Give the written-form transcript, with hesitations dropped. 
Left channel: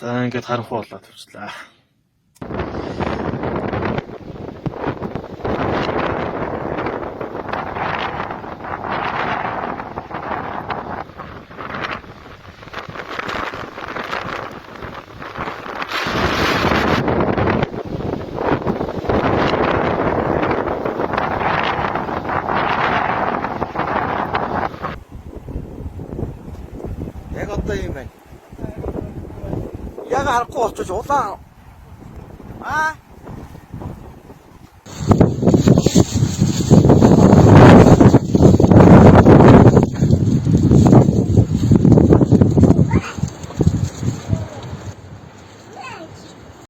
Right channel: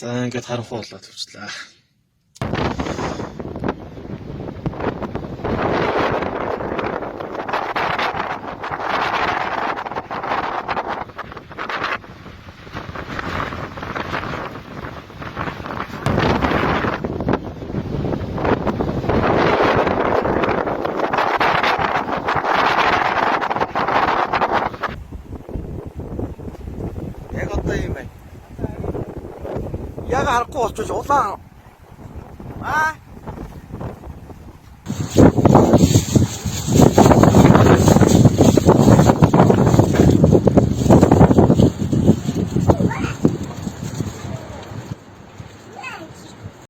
За ингээд харанхуй болоод явчлаа. Яг одоо юм байна. Яг харахгүй болчих улаан.